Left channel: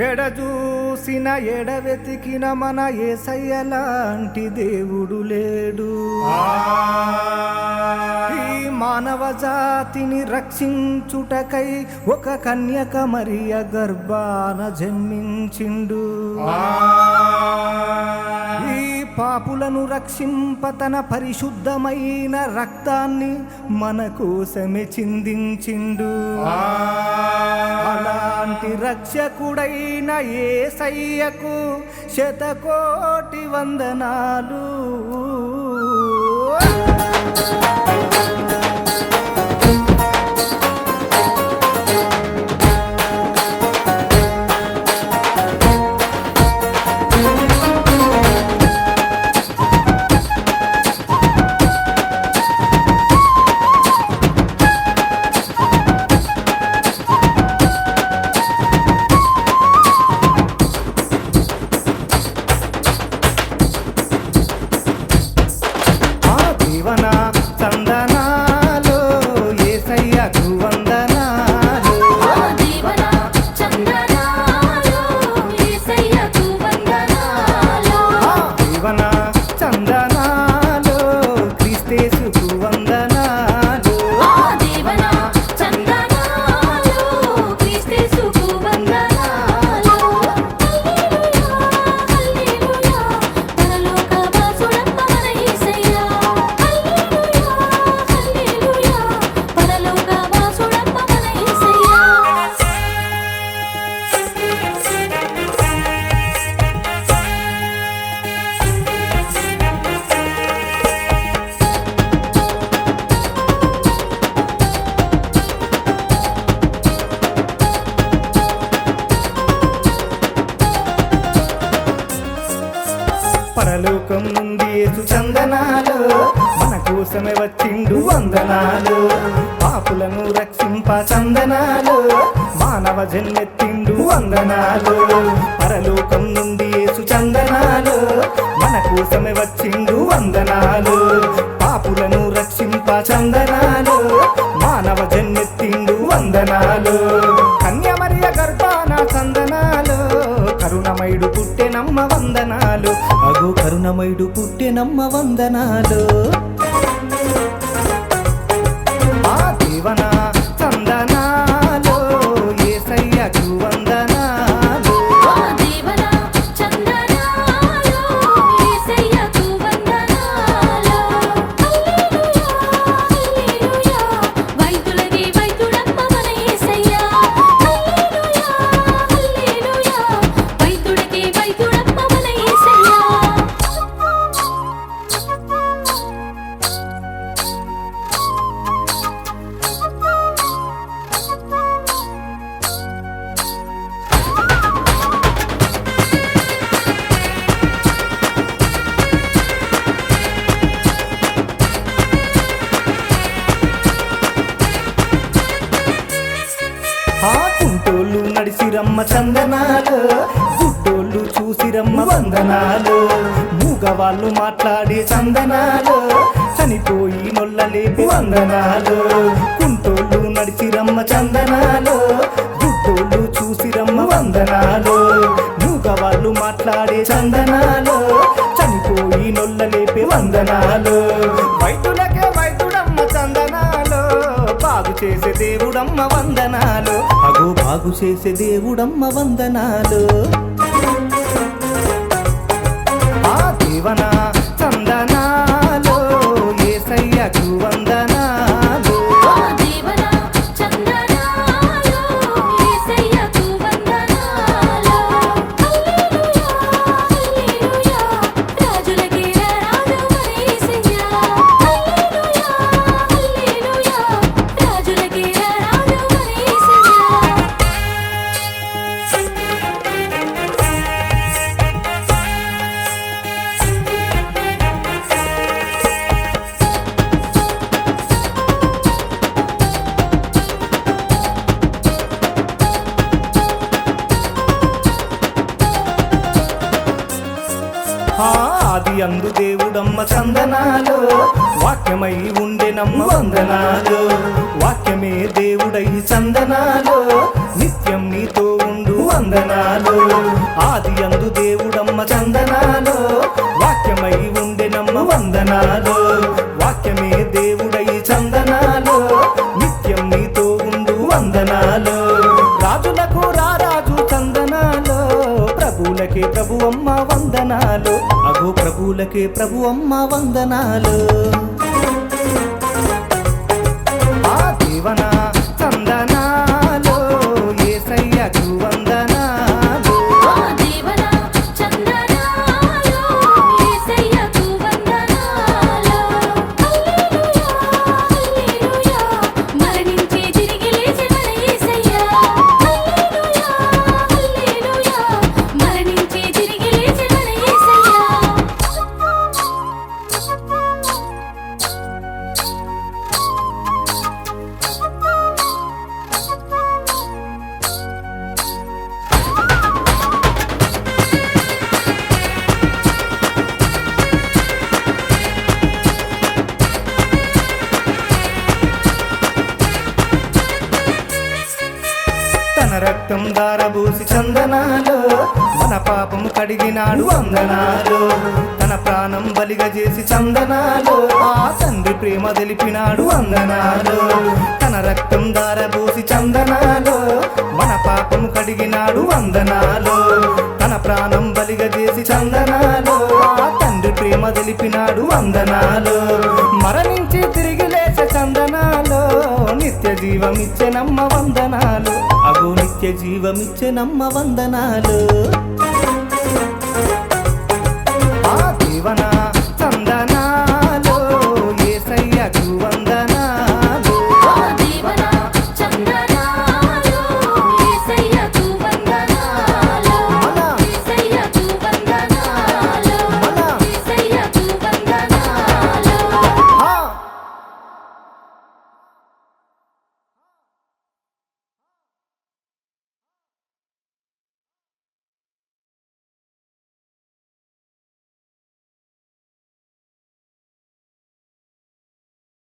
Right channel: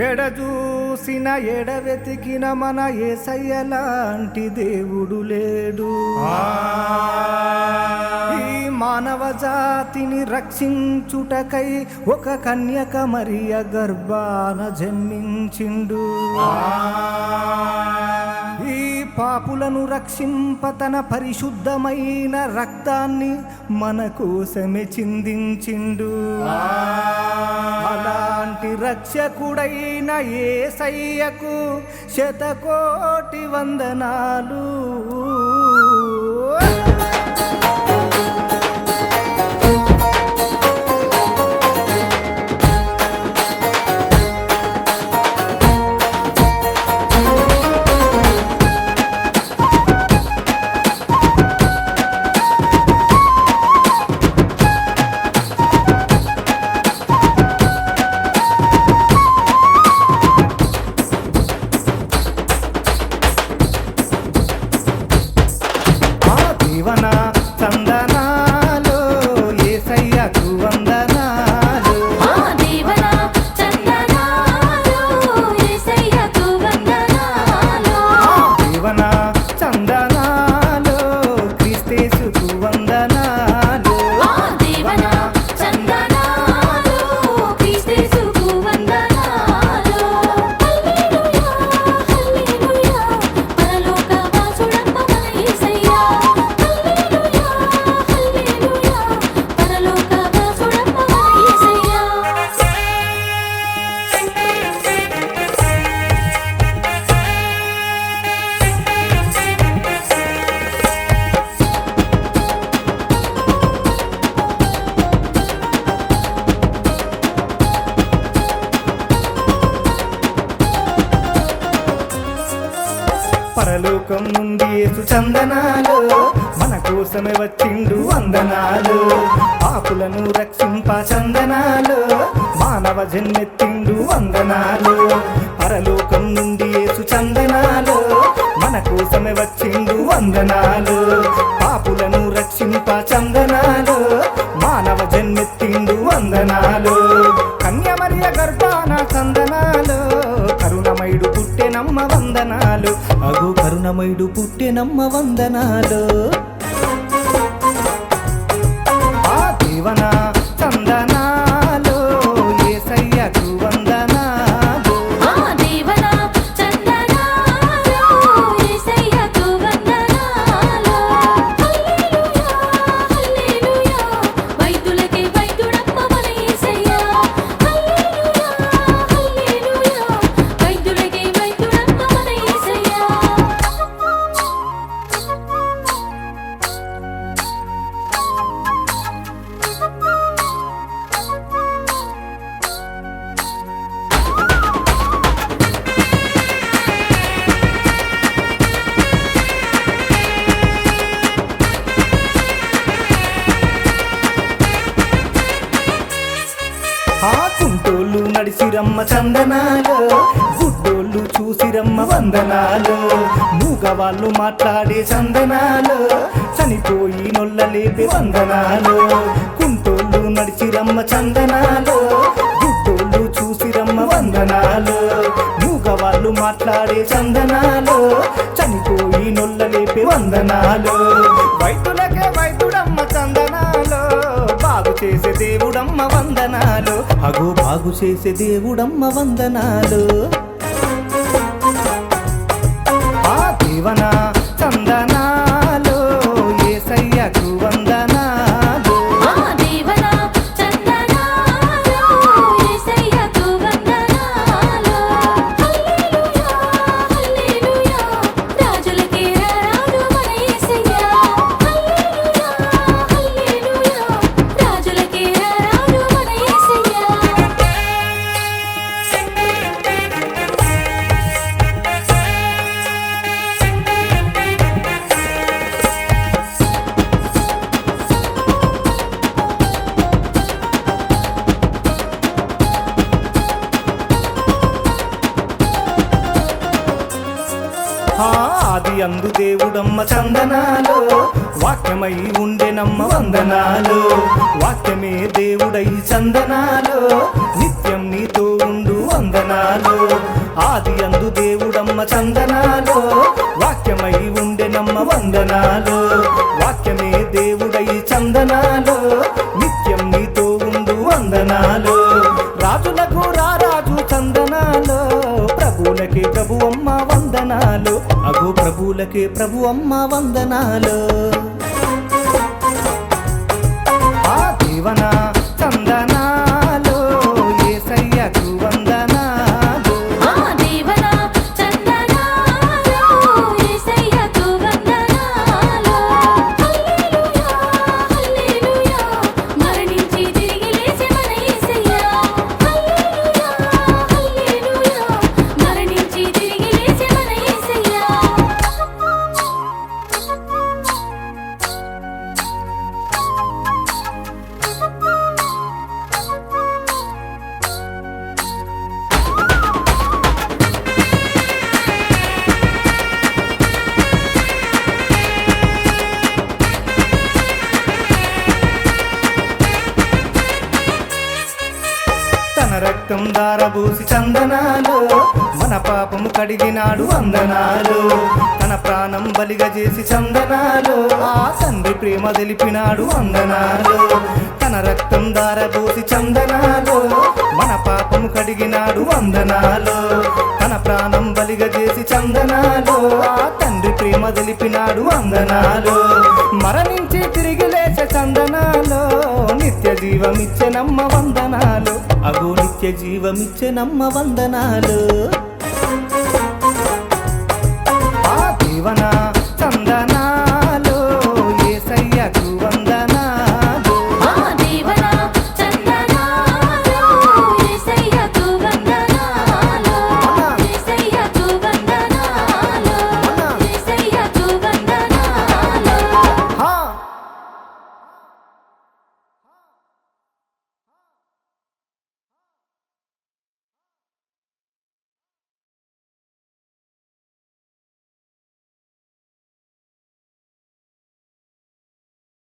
ఎడజూసిన ఎడవెతికిన మన యేసయ్యలాంటి దేవుడు లేడు. ఈ మానవ జాతిని రక్షించుటకై ఒక కన్యక మరియ గర్భాన జన్మించిండు. ఈ పాపులను రక్షింప తన పరిశుద్ధమైన రక్తాన్ని మన కోసమే చిందించిండు. అలాంటి రక్షకుడైన యేసయ్యకు శతకోటి వందనాలు. జీవన చందనాలు యేసయ్యకు వందనాలు. జీవన చందనాలు క్రీస్తేసుకు వందనాలు. పరలోకం నుండి యేసు చందనాలు మన కోసమే వచ్చిండు వందనాలు. పాపులను రక్షింప చందనాలు మానవ జన్మెత్తిండు వందనాలు. పరలోకం నుండి యేసు చందనాలు మన కోసమే వచ్చిండు వందనాలు. పాపులను రక్షింప చందనాలు మానవ జన్మెత్తిండు వందనాలు. కన్య మరియ గర్భాన చందనాలు కరుణమయుడు పుట్టెనమ్మ వందనాలు. అగో కరుణమయుడు పుట్టెనమ్మ వందనాలు. ఆ జీవన చందనాలు యేసయ్యకు వందనాలు. ఆ కుంటోళ్ళు నడిసిరమ్మ చందనాలు, గుడ్డోళ్ళు చూసిరమ్మ వందనాలు. మూగవాళ్ళు మాట్లాడే చందనాలు, చనిపోయి నొల్లలేపే వందనాలు. కుంటోళ్ళు నడిసిరమ్మ చందనాలు, గుడ్డోళ్ళు చూసిరమ్మ వందనాలు. మూగవాళ్ళు మాట్లాడే చందనాలు, చనిపోయి నొల్లలేపే వందనాలు. వైద్యులకే వైద్యుడమ్మ చందనాలు, బాగు చేసే దేవుడమ్మ వందనాలు. అగో బాగు చేసే దేవుడమ్మ వందనాలు. ఆ జీవన చందనాలు యేసయ్యకు వందనాలు. ఆది అందు దేవుడమ్మ చందనాలో వాక్యమై ఉండెనమ్మ వందనాలు వాక్యమే దేవుడై చందనాలో నిత్యం నీతో ఉండు వందనాలు ఆది అందు దేవుడమ్మ చందనాలో వాక్యమై ఉండెనమ్మ వందనాలు వాక్యమే దేవుడై చందనాలో నిత్యం నీతో ఉండు వందనాలు రాజులకు రారాజు చందనాలో ప్రభువులకే ప్రభు అమ్మ వందనాలు అగో ప్రభువులకే ప్రభు అమ్మ వందనాలు ఆ దేవన చందనాలో యేసయ్యకు వందనాలు తన రక్తం దారబూసి చందనాలు మన పాపము కడిగినాడు వందనాలు తన ప్రాణం బలిగా చేసి చందనాలు ఆ తండ్రి ప్రేమ తెలిపినాడు వందనాలు తన రక్తం దారబూసి చందనాలు మన పాపము కడిగినాడు వందనాలు తన ప్రాణం బలిగా చేసి చందనాలు ఆ తండ్రి ప్రేమ తెలిపినాడు వందనాలు మరణించి తిరిగి లేచే చందనాలు నిత్య జీవమిచ్చెనమ్మ వందనాలు అగో నిత్య జీవమిచ్చెనమ్మ వందనాలు ఆ దేవన చందనాలో యేసయ్యకు వందనాలు